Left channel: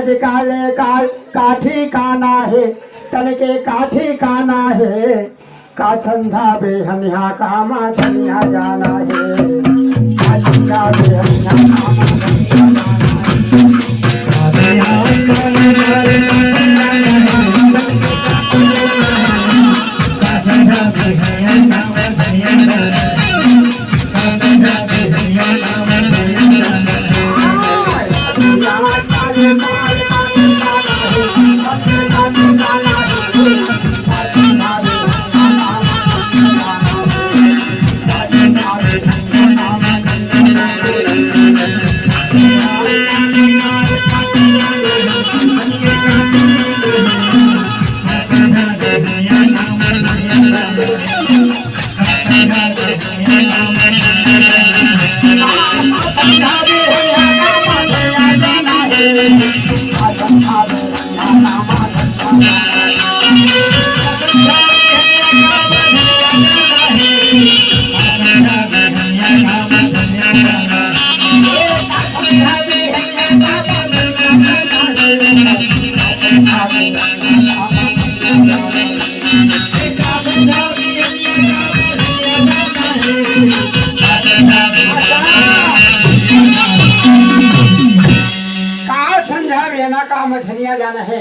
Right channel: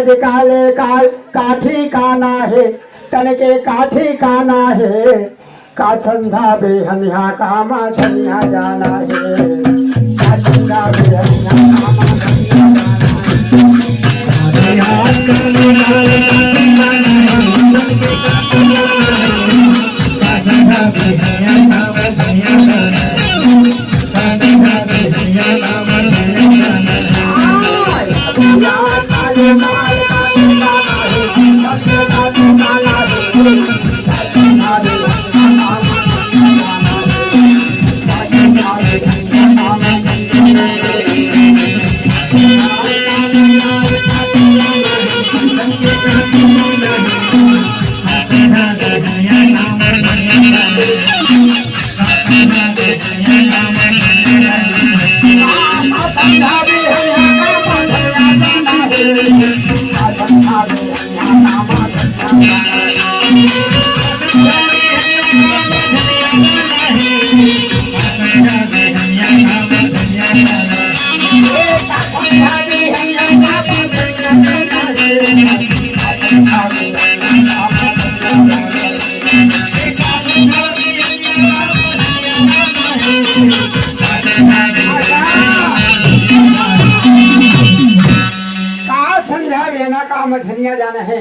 आज काले काल काठी काना है तन के काठी काना है का संधा बेहनिया कामा धनिया जाना है का संधा बेहनिया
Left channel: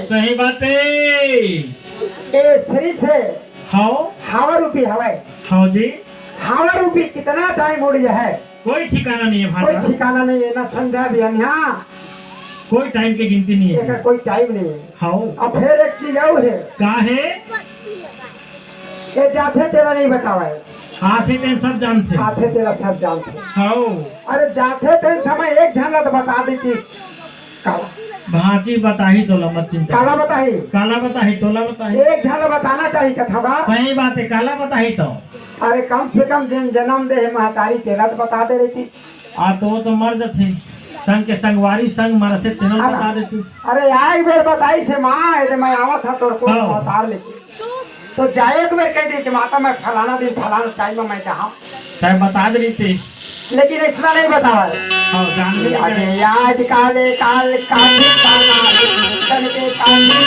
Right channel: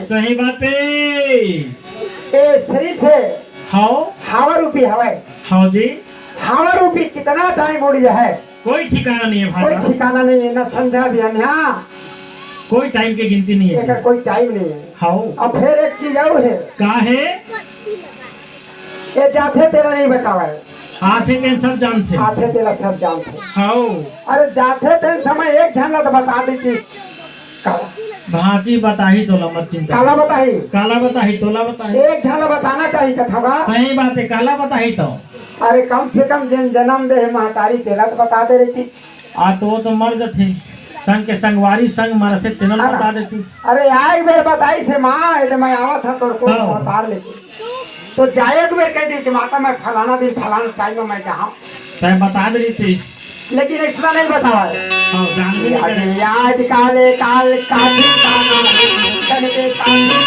सही बात है। ए शरीर से हाँ हवा रूपी हवा हाँ जी हवा रूपी कितना टाइम उड़ जाए कोई ठिकाना नहीं है कोई भाई, ठिकाना नहीं है ना संध्या भी यहाँ कोई टाइम की गिनती नहीं एक है। कोई टाइम नहीं है। हाँ अब फिर एक चीज और है का है ये जाते तेरा नहीं बतावा है आते दिन सब जानते। आते तेरा सब जानते। हाँ अरे जाते थे समय एक झलक बता दी थी काला भांति बताही तोला मत चिंता। काला बताही काला बताही तोला बताही। एक झलक बताना चाहिए कथा का। सही बात है काला बताही तो। अरे कम से कम जिन जन्म दे महतारी तेरा तो बता दे रही थी। आ तो मर्द थे संग के संगवारी संग मर थे तेनल बता देती। अरे आई बेर बताई से माँ यदि मैं आवत था तो उतार लेती तो जाए एक बेर कह दी कि माता मैं फलाना दिन फलाना टाइम में जहाँ तय बता दे रही थी लेकिन इसमें नहीं बताया। हाँ जान ली आज काले काल काली काना तन के काली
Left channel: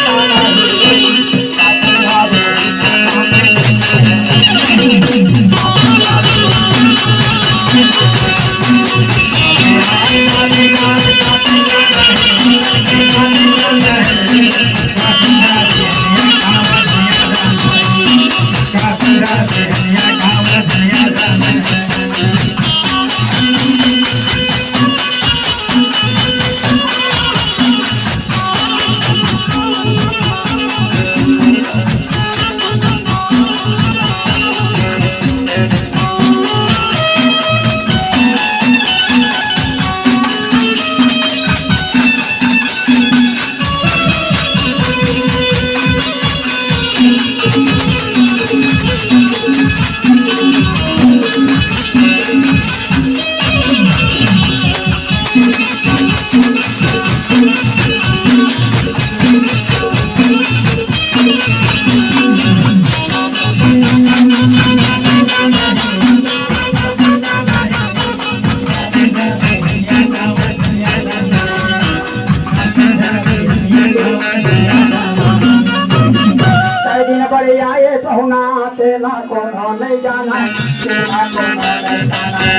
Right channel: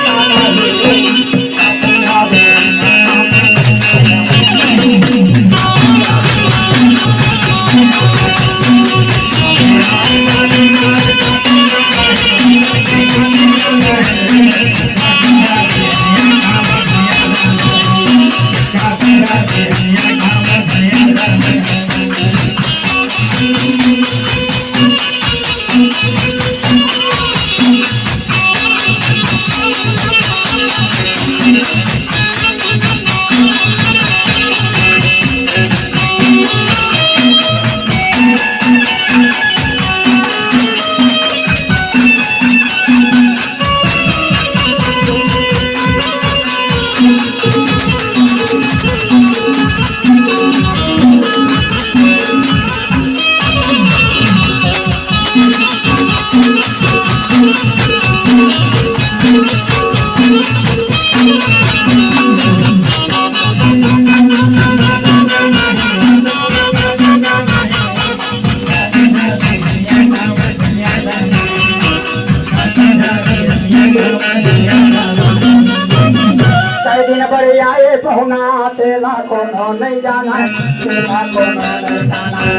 तेला कोनो नहीं जाना तेला कोनो नहीं जाना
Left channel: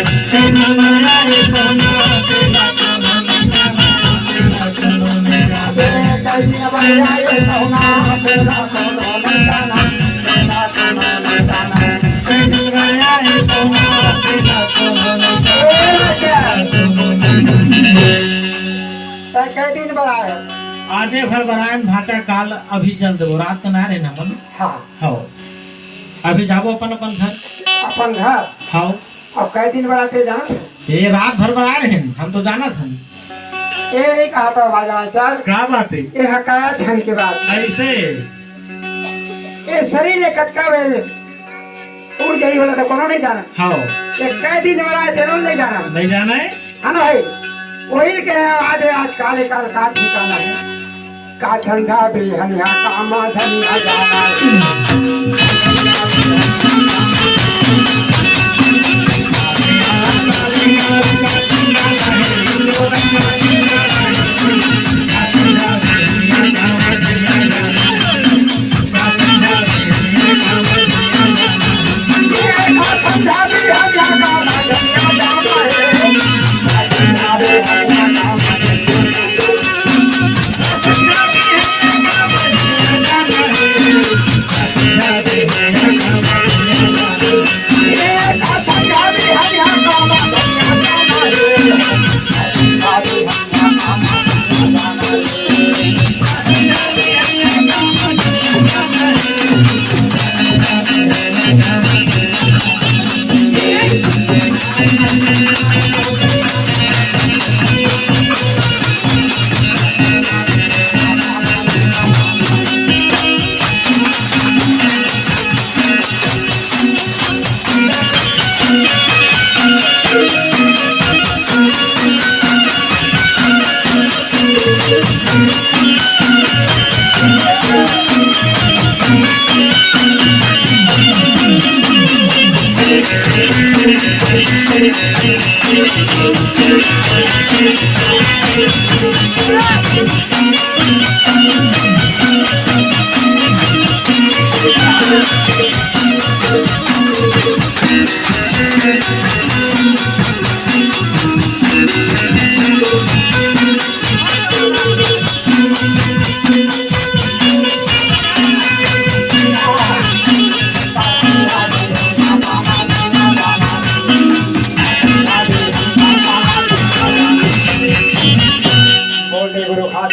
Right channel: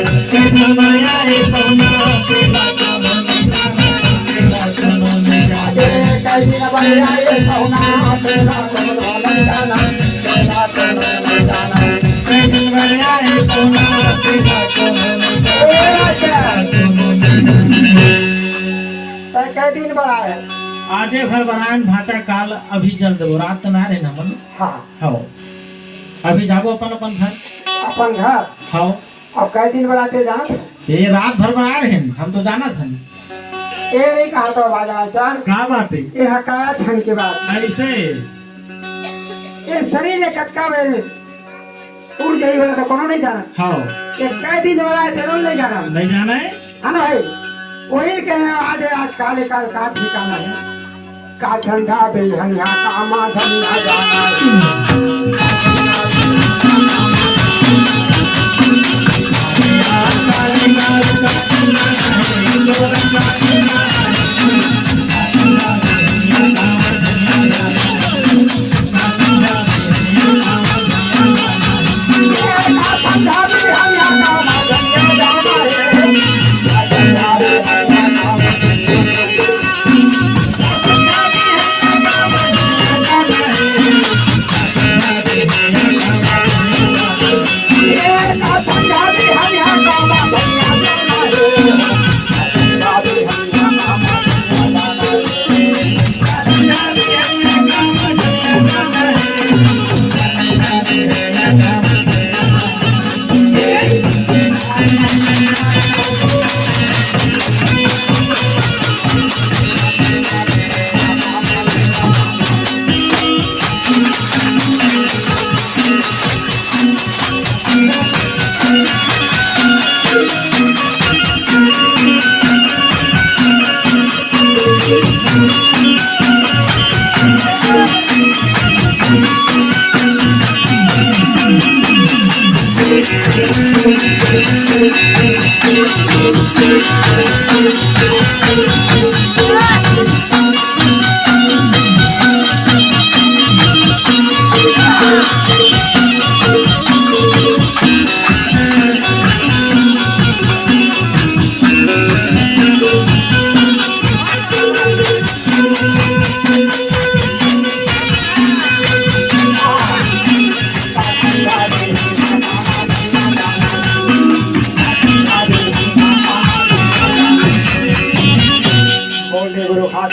दिन बनाए आजे भर बनाए भाटा काल अभी चल दो रात तो ना रहे ना मन। हाँ हाँ अभी जाबो अपन अपन घर हाँ अब कई दिन बनाते जाना ये रात भर बना रहे हैं हम तो जाना था। ये नहीं कहा था बाजा चार क्या बात है ये हकाया छन के बाद ऐसे ये शरीर ले कटका वेल उड़ जाई वाला तो कोनो नहीं जाना। हाँ ये कई दिन बनाए थे नहीं जाना नहीं जाना है ना भाई वही के आज काले काल का ठिकाना है का संधा बेहनिया कामा धनिया जाना है।